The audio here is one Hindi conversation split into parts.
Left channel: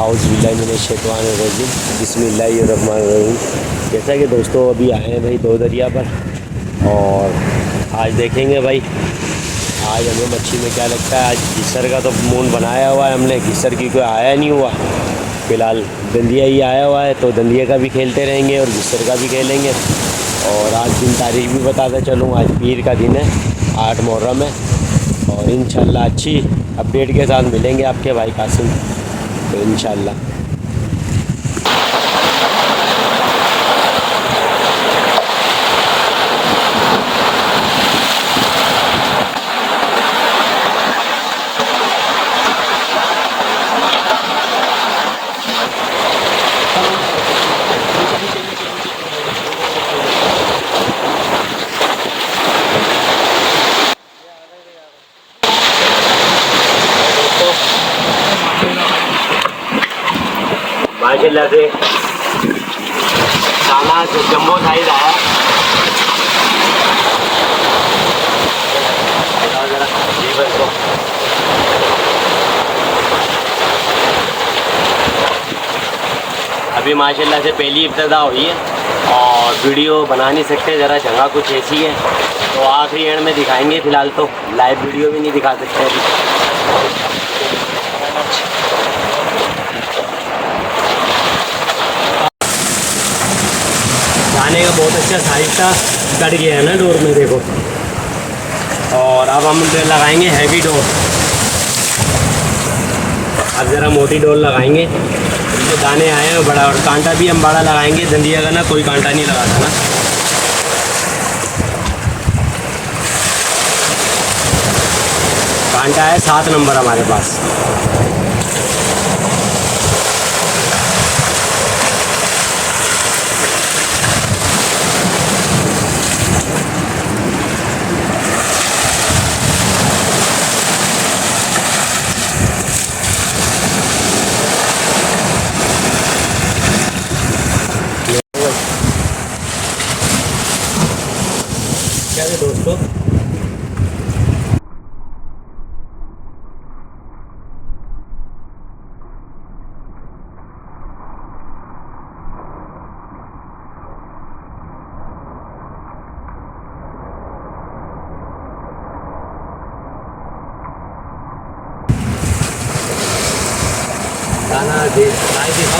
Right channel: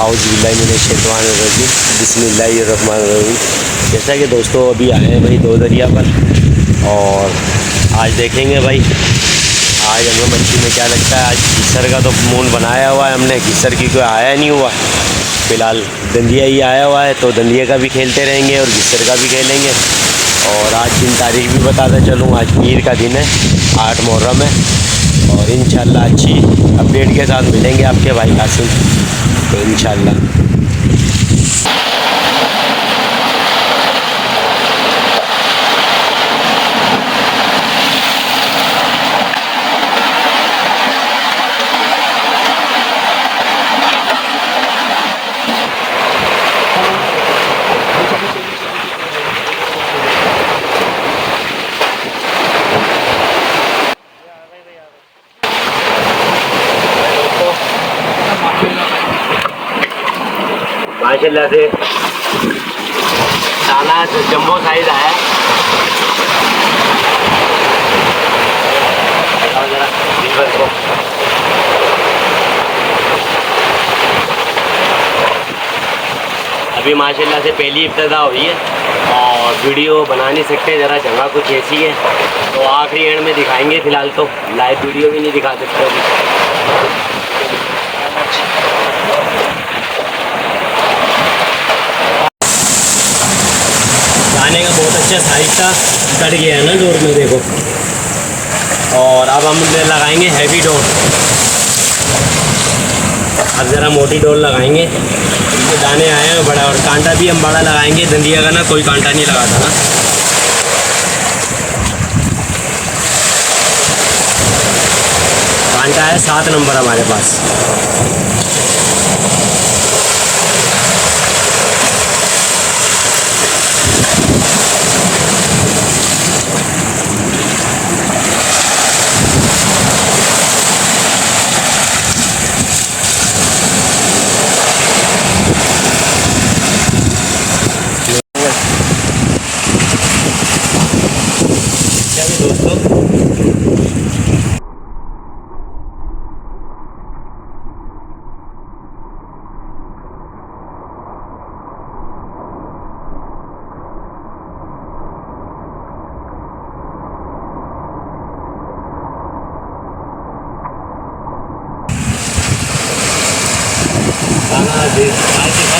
औज़ुबिल्लाहिमिनश्शैतानिर्रजीम बिस्मिल्लाहिर्रहमानिर्रहीम। जैसा कि दोस्तों अभी आए हैं भाई दो दरिया पर, और आज देखेंगे भाई आज हमें मच्छी में क्या लगता है। आज घिसर का तो मून बनाया हुआ है हमने, घिसर की कोई आया नहीं हुआ है फ़िलहाल, दंदिया ही आया हुआ है। तो दंदिया का भी खेलते रहेंगे और घिसर का भी खेलेंगे। और आज दिन तारीख भी बताता चलूँ, आज पीर का दिन है, 8 मुहर्रम है। और इंशाल्लाह अच्छी अपडेट के साथ मिलेंगे आपके भाई कासिम, तो इंशाल्लाह। माशाल्लाह से दाना जम्बो साइज आया। जरा लीवर को अभी माशाल्लाह से पहली इब्तिदा हुई है और वीडियो बना नहीं सकते, ज़रा जगह कुछ ऐसी है तो आखिरी एंड में दिखाएंगे। फ़िलहाल तो लाइव वीडियो भी नहीं दिखा सकते अभी। दाने का बहुत अच्छा साइज था, कट गया है ना डोर में, देखो। और अब हम लगाएंगे हैवी डोर। अब ज़रा मोटी डोर लगाएंगे, इसमें दाने आए हैं बड़ा, और कांटा भी हम बड़ा लगाएंगे। दंदिया का ना कोई कांटा नहीं लगाता ना। कांटा है 7 नंबर हमारे पास। क्या भी दोस्तों, दाना दिखा।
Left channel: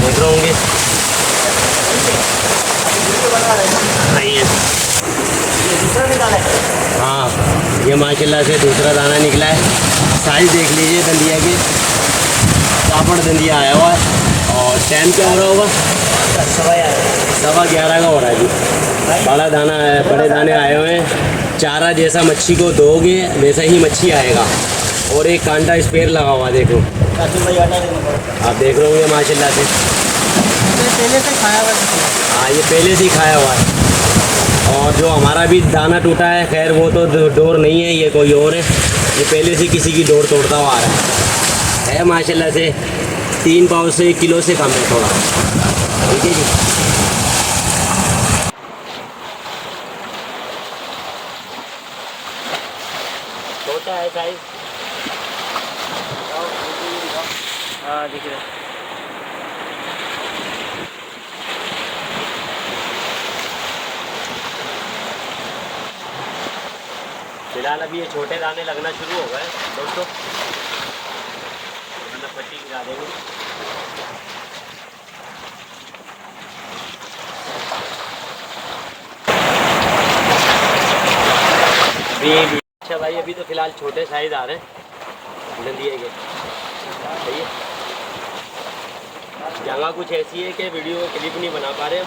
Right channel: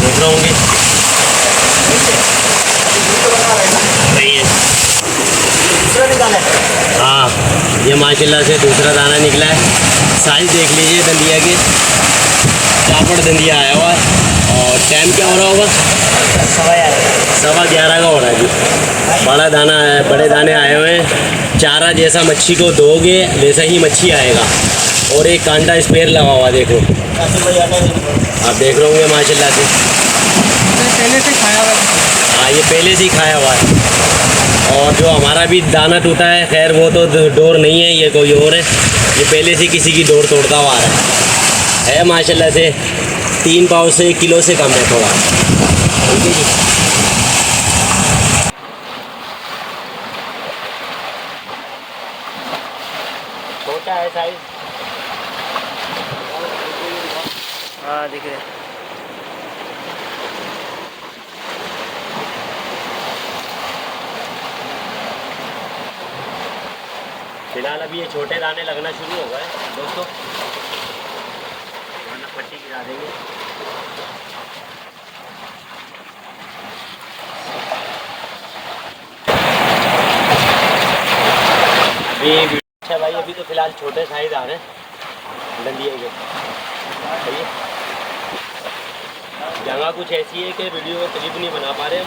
देख रहे होंगे रही है। हाँ, ये माशाल्लाह से दूसरा दाना निकला है। साइज देख लीजिए दंदिया के, चापड़ दंदिया आया हुआ है। और टाइम क्या हो रहा होगा? 11:15 का हो रहा है अभी। बड़ा दाना है, बड़े दाने आए हुए हैं। चारा जैसा मच्छी को दोगे वैसा ही मच्छी आएगा। और एक कांटा स्पेयर लगा हुआ, देखो आप देख रहे होंगे माशाल्लाह से। पहले से खाया हुआ है। हाँ, ये पहले से ही खाया हुआ है। और जो हमारा भी दाना टूटा है, खैर वो तो डोर नहीं है, ये कोई और है। ये पहले से किसी की डोर तोड़ता हुआ आ रहा है माशाल्लाह से। 3 पाव से 1 किलो से कम है थोड़ा, ठीक है जी। छोटा है साइज। हाँ दिख रहा है। फिलहाल अभी ये छोटे दाने लगना शुरू हो गए दोस्तों, वरना पट्टी गिरा देंगे। अभी अच्छा भाई, अभी तो फिलहाल छोटे साइज आ रहे हैं दंदिये के, सही है। जगह कुछ ऐसी है कि वीडियो क्लिप नहीं बना पा रहे हम।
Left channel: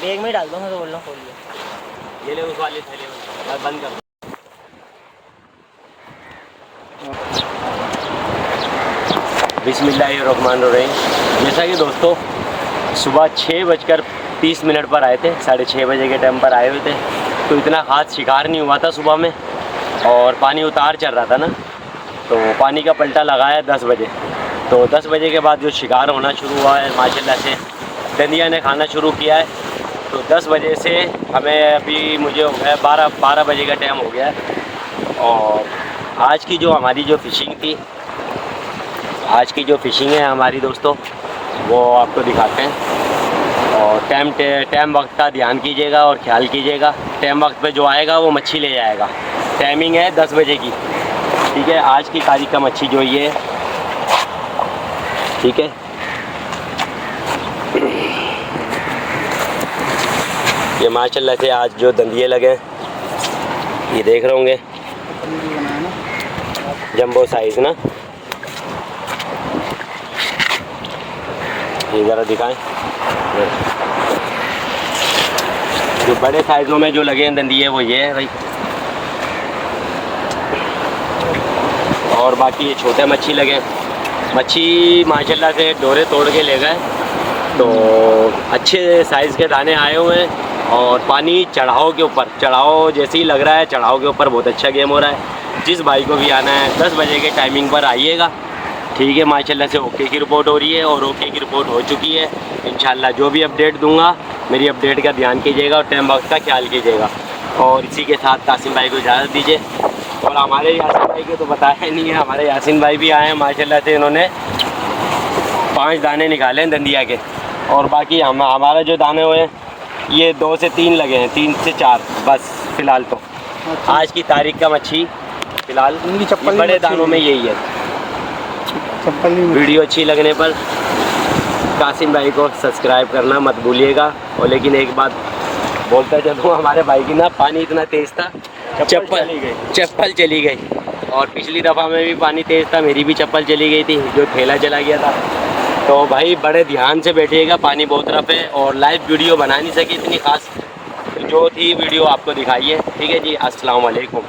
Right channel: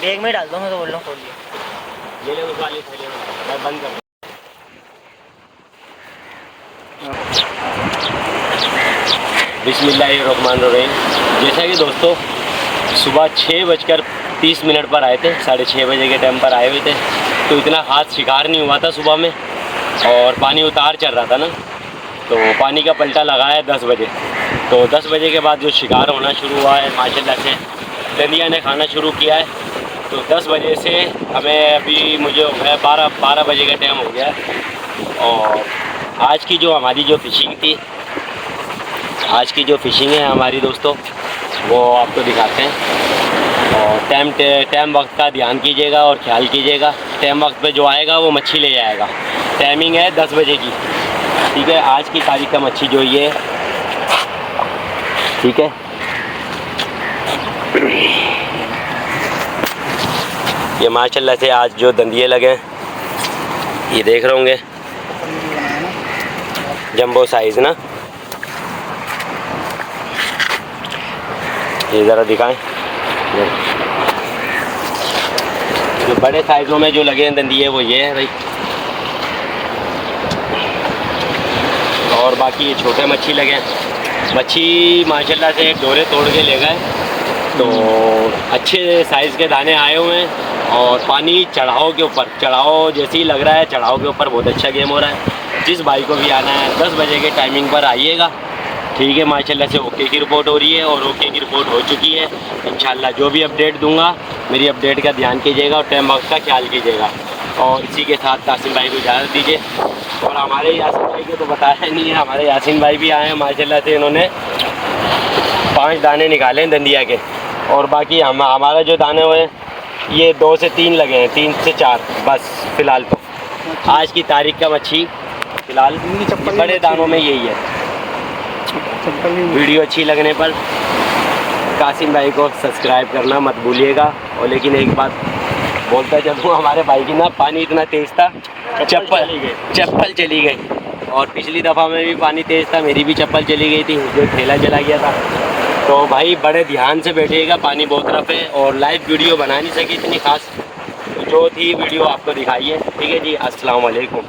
बैग में डाल दो, मैं तो बोल रहा हूँ खोल लिया। ये ले उस वाले थैले में, बंद कर। बिस्मिल्लाहिर्रहमानिर्रहीम। जैसा कि दोस्तों सुबह 6:30 पर आए थे, 6:30 बजे के टाइम पर आए हुए थे, तो इतना ख़ास शिकार नहीं हुआ था सुबह में, और पानी उतार चल रहा था ना, तो पानी का पलटा लगाया 10 बजे। तो 10 बजे के बाद जो शिकार होना शुरू हुआ है माशाल्लाह से, दंदिया ने खाना शुरू किया है। तो 10 बजे से हमें अभी मुझे हो गया 12 बजे का टाइम हो गया है। और आज की जो हमारी जो फ़िशिंग थी, आज की जो फ़िशिंग है हमारी दोस्तों, वो आपको दिखाते हैं। और टाइम वक्त का ध्यान कीजिएगा और ख्याल कीजिएगा। टाइम वक्त पे जो आएगा वो मच्छी ले जाएगा। टाइमिंग है 10 बजे की, ठीक है। आज की तारीख का मच्छी जो ये है, ठीक है। ये माशाल्लाह से आज जो दंदिये लगे हैं, ये देख रहे होंगे, जंबो साइज़ ना, ये ज़रा दिखाएं। जो बड़े साइज़ों में जो लगे हैं दंदिये वो ये है भाई, और बाकी ये छोटे मच्छी लगे हैं। मच्छी माशाल्लाह से डोरे तोड़ के ले गए, तो अच्छे साइज़ के दाने आए हुए हैं। और पानी चढ़ाव के ऊपर, चढ़ाव जैसे ही लग रहा है, चढ़ाव के ऊपर बहुत अच्छा गेम हो रहा है। जिस भाई को भी आना है 10 बजे के टाइमिंग पर आइएगा, ठीक है। माशाल्लाह से ओके की रिपोर्ट हो रही है, और ओके की रिपोर्ट हो चुकी है। इंशाल्लाह जो भी अपडेट दूंगा, मेरी अपडेट का ध्यान कीजिएगा और टाइम बॉक्स का ख्याल कीजिएगा। और इसी के साथ कासिम भाई को इजाज़त दीजिए। और हमारे यासीन भाई के तो बताया नहीं है, हमारे यासीन भाई भी आए हैं माशाल्लाह से, इन्होंने 5 दाने निकाले हैं दंदिया के। और बाकी हमारा जो दाने हुए ये 2 से 3 लगे हैं, 3 से 4 बस फ़िलहाल। तो आज की तारीख का मच्छी फ़िलहाल बड़े दानों में यही है। वीडियो अच्छी लगने पर कासिम भाई को सब्सक्राइब करना मत भूलिएगा। और लेकिन एक बात बोलता चलूँ, हमारे भाई की ना पानी इतना तेज़ था, चप्पल चली गई। और पिछली दफ़ा में भी पानी तेज़ था, मेरी भी चप्पल चली गई थी, जो ठेला चला गया था। तो भाई बड़े ध्यान से बैठिएगा, पानी बहुत रफ है। और लाइव वीडियो बना नहीं सकी इतनी ख़ास, जो थी वीडियो आपको दिखाइए, ठीक है जी। अस्सलाम वालेकुम।